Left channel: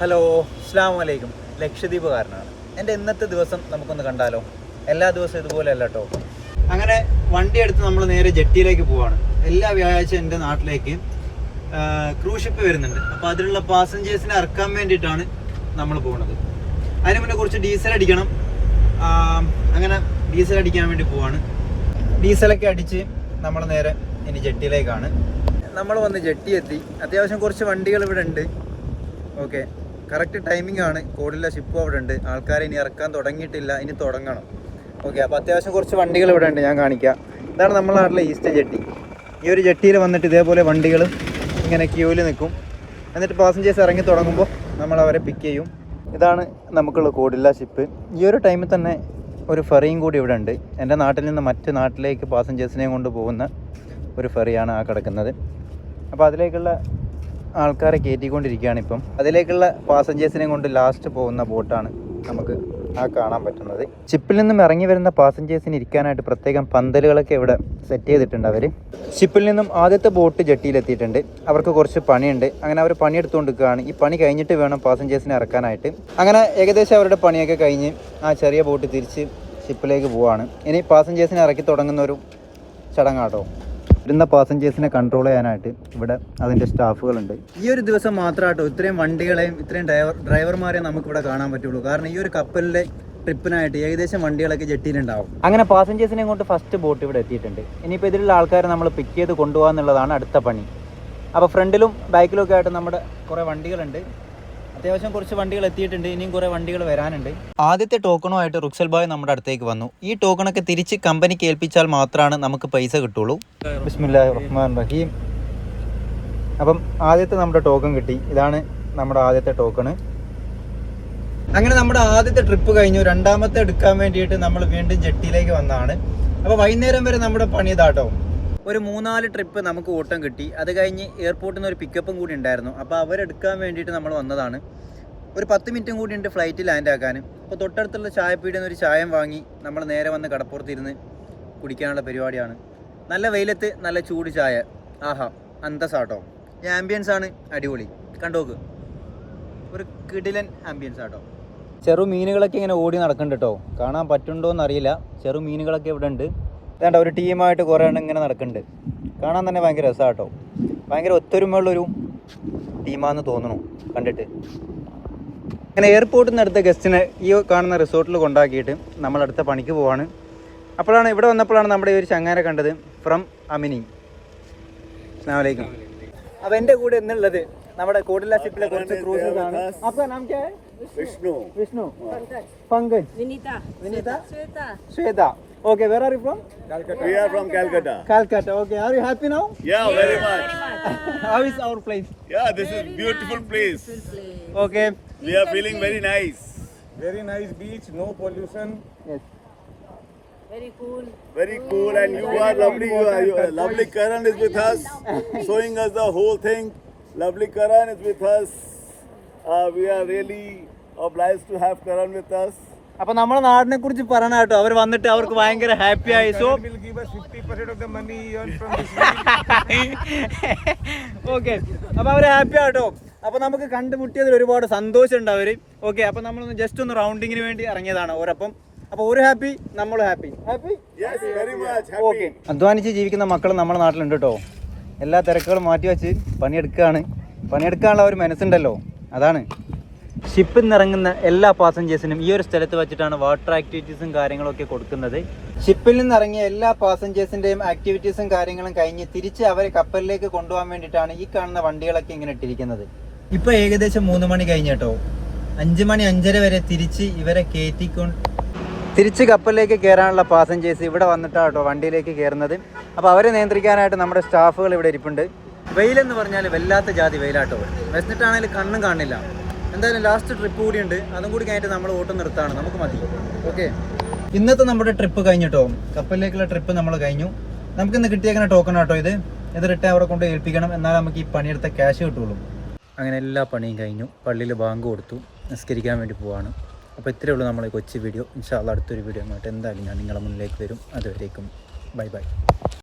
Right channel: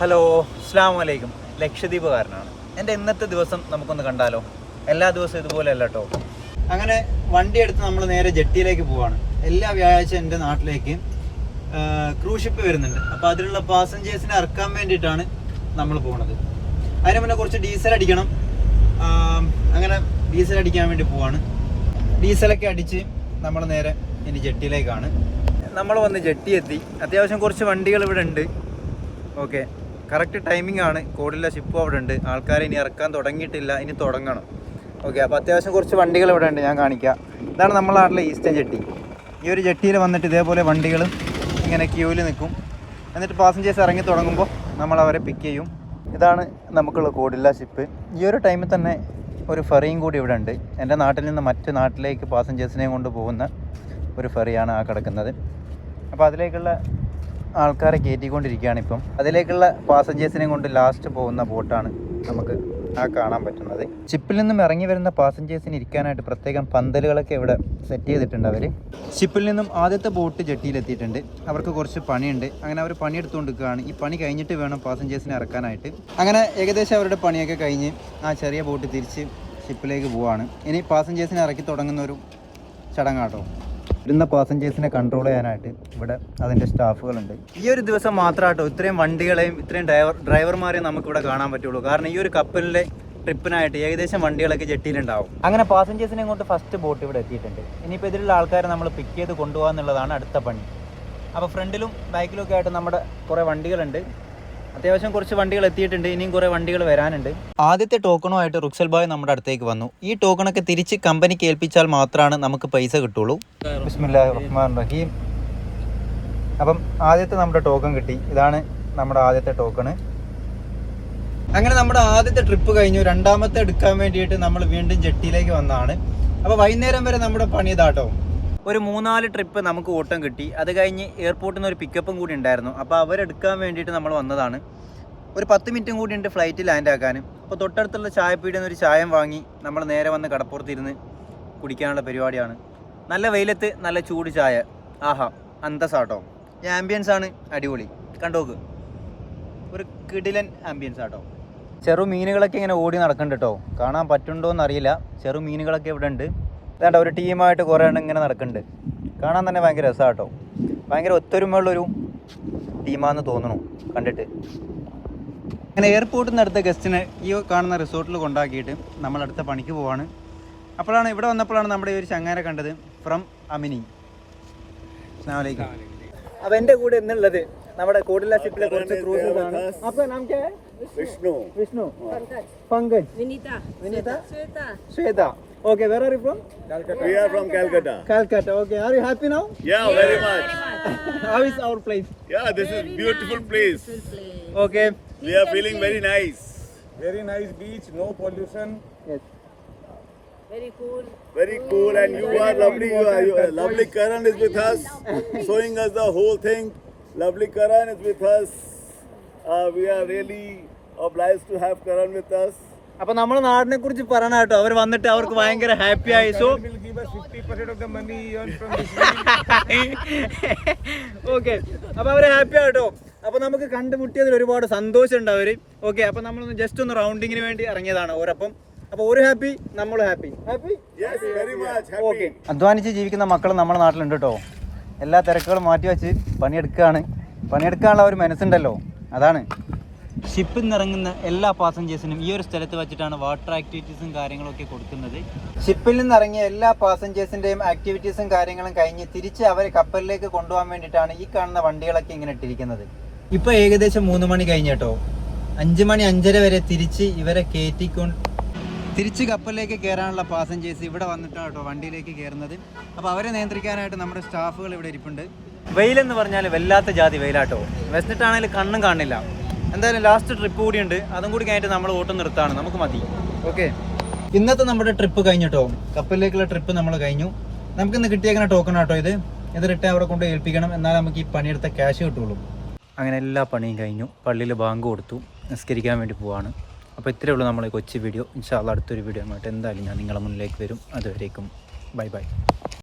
Hello, അസ്സലാമു അലൈക്കും. ലക്ഷദ്വീപുകാരനാണ്. എൻ്റെ ഇന്നത്തെ ദിവസം നമുക്കൊന്ന് കണ്ടാലോ? എല്ലാ ദിവസവും ഇതുപോലെ അല്ല കേട്ടോ. അങ്ങനെ വണ്ടി എടുത്ത് നമ്മൾ നേരെ ജെട്ടിയിലേക്ക് പോവാണ്. എല്ലാ വ്യാഴാഴ്ച എൻ്റെ നാട്ടിലേക്ക് ക്രൂസ് ഷിപ്പ് വരുന്നുണ്ട്. അപ്പോൾ അതിലുള്ള പാസഞ്ചേഴ്സിനെ ഇറക്കാൻ വേണ്ടിയിട്ടാണ് നമ്മൾ പോകുന്നത്. അതിന് മുന്നേ കുറച്ച് ഡീസൽ അടിക്കണം. അങ്ങനെ ഡീസൽ അടിക്കാൻ വേണ്ടി പോവാണ്. ഡീസലൊക്കെ അടിച്ച് നമ്മൾ നേരെ ഇനി ജെട്ടിയിലേക്കാണ്. നമ്മൾ വന്ന് ജെട്ടി എത്തി. അത്യാവശ്യം കുറച്ച് വണ്ടികൾ ഇവിടെ ഉണ്ട്. ഓക്കെ, കറക്റ്റ് ടൈമിംഗ് ആണ്. കോടില്ല ഷിപ്പും അവിടെ ഉണ്ട്. ആൾക്കാരെ ഇനി ഇറക്കാൻ തുടങ്ങിയിട്ടില്ല, ഇനി തുടങ്ങണം. ഓക്കെ, അപ്പോൾ അത്യാവശ്യം കുറച്ച് വണ്ടികൾ ഇവിടെ ഉണ്ട്. ഞാൻ കാണിക്കാം. ഇതാണ് നമ്മുടെ നാട്ടിലെ ഈസ്റ്റേൺ ജെട്ടി. ഈ ഒരു ജെട്ടിയിൽ വന്നിട്ട് ഇതേപോലെ വണ്ടികൾ ഇങ്ങനെ ക്യൂവിൽ നിൽക്കും. എന്നിട്ട് പാസഞ്ചേഴ്സ് ഇറങ്ങി തുടങ്ങുമ്പോൾ നമ്മൾ അവരെ പിക്ക് ചെയ്യും. ഇതാണ് നമുക്കുള്ള കോടില്ല ഷിപ്പ്. ഈ ഒരു ടൈമിൽ തന്നെ ഒരു ഫെറിയും കൂടി ഇവിടെ ഉണ്ട്. എൻ്റെ നാട്ടിൽ നിന്ന് മറ്റ് നാട്ടിലേക്ക് പാസഞ്ചേഴ്സിനെയും കൊണ്ട് പോകുന്ന ഒരു ഫെറിയാണ് ആ കിടക്കുന്നത്. അപ്പോൾ അതിലേക്കുള്ള ആൾക്കാരെ കയറ്റിക്കൊണ്ടിരിക്കുകയാണ് ഇപ്പം. അതിലേക്കുള്ള പാസഞ്ചേഴ്സിനെ കൊണ്ട് ലാസ്റ്റ് പോകുന്ന ബോട്ടാണ് നമുക്ക് കാണാൻ പറ്റുന്നത്. ഷിപ്പിൽ നിന്നും ഇറങ്ങി വരുന്ന പാസഞ്ചേഴ്സിന് ഇരിക്കാനായിട്ട് പ്രത്യേകം പന്തലുകളൊക്കെ ഇവിടെ സെറ്റ് ചെയ്തിട്ടുണ്ട് അവർ. ഷിപ്പിൽ നിന്നും ആദ്യത്തെ ബോട്ട് ജെട്ടിയിലെത്തിയിട്ടുണ്ട്. അവർക്ക് കുറച്ച് പണിയുണ്ട്. അങ്ങനെ അവർ പണിയെടുത്തുകൊണ്ടിരിക്കുകയാണ്. ഈ പണി കഴിഞ്ഞിട്ട് വേണം പാസഞ്ചേഴ്സിനെ ഇറക്കാനായിട്ട്. അങ്ങനെ ഏകദേശം അവരുടെ പണിയൊക്കെ കഴിഞ്ഞ് ആ ചെറിയ ബോട്ട് തിരിച്ച് ഷിപ്പിലേക്ക് പോവുകയാണ്. ഇനി പാസഞ്ചേഴ്സിനെ ഇറക്കി തുടങ്ങുന്ന ഒരു ചടങ്ങാട്ടോ. വരുന്ന പാസഞ്ചേഴ്സിനെ കൺട്രോൾ ചെയ്യാനായിട്ട് ഇവിടെ അതിൻ്റെ സ്റ്റാഫുകളുണ്ട്. ഈ ഒരു ദിവസം മാത്രമാട്ടോ ഇത്രയും വണ്ടികളെയും ഇത്രയും ഡ്രൈവർമാരെയും നമുക്കിവിടെ കാണാൻ പറ്റുള്ളൂ. കാരണം ഈ ഒരു കപ്പലിലെ ട്രിപ്പിനായിട്ട് ഏകദേശം വണ്ടികളൊക്കെ ജെട്ടിയിലുണ്ടാവും. അങ്ങനെ പാസഞ്ചേഴ്സിനെ കൊണ്ട് ഫസ്റ്റ് ബോട്ട് ഇവിടെ എത്തിയിട്ടുണ്ട്. ഇനിയിപ്പോൾ ഇതിലുള്ള ആൾക്കാരെ നമ്മൾ പിക്ക് ചെയ്ത് കൊണ്ടുപോകുക എന്നുള്ളതാണ് അടുത്ത പണി. അപ്പോൾ ഫ്രണ്ടിലും ബാക്കിലും ഒക്കെ ആയിട്ട് നമ്മുടെ കുറേ വണ്ടികളുണ്ട്. അത്യാവശ്യം കുറച്ച് വണ്ടികൾ എത്തിയിട്ടുണ്ട്. ഇനിയും കുറേ വണ്ടികൾ വരാനുണ്ട്. ആദ്യത്തെ ടോക്കണുമായിട്ട് റുക്സൽ ഭായ് നമ്മുടെ അടുത്തേക്ക് വന്നു. ഈ ടോക്കണൊക്കെ തിരിച്ച് കമ്പനിക്ക് ഏൽപ്പിച്ചാൽ മാത്രമാണ് നമുക്ക് പൈസ കിട്ടുള്ളൂ. ബിസ്മില്ലാഹിർ റഹ്മാനിർ റഹീം. അപ്പം ആദ്യത്തെ നമ്മുടെ ടോക്കൺ കിട്ടി. ഇതാണ് നമ്മുടെ ആദ്യത്തെ ടോക്കണ്. അങ്ങനെ നമ്മുടെ ആദ്യത്തെ ട്രിപ്പ് കഴിഞ്ഞു. രണ്ടാമത്തെ എടുക്കാൻ വേണ്ടിയിട്ട് നമ്മൾ വീണ്ടും ജെട്ടിയിലേക്ക് വന്നതാണ്. അപ്പോൾ വൈകുന്നേരം വരെ നമ്മുടെ പണി ഇതാട്ടോ. ഒരു 3-4 ട്രിപ്പ് നമുക്ക് ഓട്ടം കിട്ടി. അത് കഴിഞ്ഞ് എയർപോർട്ടിൽ നിന്ന് ഒരു പിക്കപ്പും കൂടി ഉണ്ടായിരുന്നു. അപ്പോൾ അവരെടുക്കാൻ വേണ്ടിയിട്ട് നമ്മൾ വന്നതാണ്. ഒരു 10 മിനിറ്റും കൂടി ഉണ്ട് ഫ്ലൈറ്റ് ലാൻഡ് ആക്കാനും. അപ്പോൾ തൊട്ടടുത്തുള്ള ചായപ്പീടിയിൽ നിന്ന് ഒരു ചായം വാങ്ങി നമ്മൾ നേരെ വന്ന് കടപ്പുറത്തിരുന്ന് കുടിക്കാനുള്ള പരിപാടിയാണ്. നല്ല വെയിലത്ത് നല്ല ചൂട് ചായ. ആഹാ, അന്തസ്സാട്ടോ. ഈ ആംബിയൻസ് ആണ് അടിപൊളി. കണ്ടോക്ക്, ഒരു കിടിലൻ ആംബിയൻസ് ആട്ടോ. ചെറു മീനുകളൊക്കെ ഇങ്ങനെ ഓടി നടക്കുന്നുണ്ട് കേട്ടോ. കാണാൻ പറ്റുന്നുണ്ടോ എന്നറിയില്ല. ചെറു മീനുകളൊക്കെ ഇവിടെ ഉണ്ട്. വേണ്ട, ഒരു ടീമായിട്ട് കുറേ എണ്ണം ഇങ്ങനെ നടക്കുന്നുണ്ട്. കാണാൻ തന്നെ ഭയങ്കര രസമാണ് കേട്ടോ. ഭയങ്കര ഒത്തൊരുമയുള്ളൊരു ടീമാണെന്ന് തോന്നുന്നു കണ്ടിട്ട്. അങ്ങനെ എയർപോർട്ടിൽ നിന്ന് അടുത്ത ഗസ്റ്റിനെ ഈ കാണുന്ന റിസോർട്ടിൽ കൊണ്ടാക്കിയിട്ട് നമ്മൾ അടുത്ത പണിക്ക് പോവാണ്. അപ്പോഴാണ് ഇവിടെ വന്നപ്പോഴാണ് നമ്മുടെ ഈ ഒരു ചങ്ങാരെ കണ്ടത്. ഫ്രം അമിനി. അസ്സലാമു അലൈക്കും. അപ്പോൾ എൻ്റെ കൂടെ എന്നുള്ളത് നമ്മുടെ കോടില്ല ഷിപ്പിലെ കുറച്ച് ക്രൂസേഴ്സ് ആണ്. അപ്പോൾ നമുക്ക് വിഷ്ണു, പങ്കജ്, വിനീത, Shweta. Okay, where are you from? Calcutta. We are from Calcutta. Calcutta. Okay, are you happy now? Yeah, very much. How is our place? Yeah, this is beautiful place. Okay. We are feeling very nice. Very nice beach, no pollution. Yes. Very cool. Very cool, and you are lovely. Lovely Karan is with us, showing us the whole thing. Lovely Karan is with us. We are really obliged to have Karan with us. അപ്പോൾ നമ്മുടെ നാടിനെ കുറിച്ച് പറയണ കേട്ടോ. അവർ വന്നിട്ട് അവർക്ക് ഭയങ്കര happy ആയി. So Will give us 50% of the money earned from this okay, അപ്പോൾ അവർ ഹാപ്പി ആട്ടോ. അപ്പോൾ നമുക്ക് കണ്ടുമുട്ടിയതിൽ ഒരുപാട് സന്തോഷമുണ്ട് അവർ. ഓക്കെ, അപ്പോൾ നമ്മളൊന്ന് ജസ്റ്റ് ഒന്ന് റൗണ്ടിങ്ങിന് വേണ്ടി ഇറങ്ങിയതാണ് ഓരപ്പം. അപ്പോൾ ഒരു ഹാപ്പി, നമ്മൾ happy. Happy? Yes, very much okay. happy. അധ്വാനിച്ച് ജീവിക്കുന്ന മക്കൾ നമ്മുടെ നാട്ടിലുണ്ട് കേട്ടോ. എല്ലാ തിരക്കുകളും മാറ്റി വെച്ച് പണിയെടുക്കുകയാണ്. പണിയെടുക്കാനുള്ള ഒരു മനസ്സുണ്ടല്ലോ, അതാണ്. ഷിപ്പിൽ നിന്ന് ഇറങ്ങുന്ന എല്ലാ പാസഞ്ചേഴ്സിനും ഈ ഒരു സ്ഥലത്ത് വെച്ചിട്ടാണ് വാട്ടർ ആക്ടിവിറ്റീസും കാര്യങ്ങളൊക്കെ കൊടുക്കുന്നത്. ഷിപ്പിൽ നിന്ന് ഇറങ്ങിയ എല്ലാ പാസഞ്ചേഴ്സിൻ്റെയും ആക്ടിവിറ്റീസും കാര്യങ്ങളും കഴിഞ്ഞ് തിരിച്ച് അവരെ കപ്പലിലേക്ക് കൊണ്ടുപോകാൻ വേണ്ടിയിട്ടാണ് ഈ കാണുന്ന വണ്ടികളൊക്കെ ഇങ്ങനെ ഇട്ടിരിക്കുന്നത്. ഇപ്പോൾ ഏകദേശം 3 മണി കഴിഞ്ഞിട്ടോ. 5 മണി 5:30 വരെ തിരിച്ച് ഇവരെ തിരിച്ച് കപ്പലിലേക്ക് കയറാനുള്ള പാസഞ്ചേഴ്സ് ഇവിടെ വന്നിട്ടാണ് കേട്ടോ വണ്ടിയിലേക്ക് കയറുന്നത്. അപ്പോൾ അവരെ നിയന്ത്രിക്കാനായിട്ട് നമ്മുടെ സ്റ്റാഫുകൾ ഇവിടെ ഇരിപ്പുണ്ട്. വെയിലെന്ന് പറഞ്ഞാൽ വല്ലാത്ത ജാതി വെയിലാട്ടോ. വിശന്നിട്ടാണെങ്കിൽ കണ്ണും കാണില്ല. എന്തായാലും ലാസ്റ്റ് ട്രിപ്പ് കൂടിയുണ്ട്. അതും കൂടി കഴിഞ്ഞിട്ട് നമ്മൾ ഓട്ടം നിർത്താണ്. നമുക്ക് മതി. ഓക്കെ, ഇന്നത്തെ നമ്മുടെ ട്രിപ്പ് കഴിഞ്ഞിട്ടോ. കപ്പലിലേക്കുള്ള ട്രിപ്പ് നമ്മൾ കഴിഞ്ഞു. നമുക്കിന്ന് കിട്ടിയേക്കുന്ന ടോക്കൺ ആട്ടോ ഇത്. റിട്ടേൺ അവിടെ കൊണ്ട് ഏൽപ്പിക്കണം. എന്നാലും നമുക്ക് ഈ പണിയെടുത്ത ക്യാഷ് കിട്ടുള്ളൂ. അങ്ങനെ എല്ലാ പണിയും കഴിഞ്ഞു. പള്ളിയിൽ ബാങ്ക് കൊടുത്തു. നിസ്കരിക്കാൻ വേണ്ടി പോവാണ്. അപ്പോൾ ഇത്രയേ ഉള്ളൂ നമ്മളെ കൊച്ചു വീഡിയോ. ഇൻഷാ അല്ലാഹ് അടുത്തൊരു വീഡിയോ ആയിട്ട് എന്തായാലും ഞാൻ നിങ്ങളുടെ മുന്നിലേക്ക് വരും. അതുവരേക്കും ബൈ ബൈ.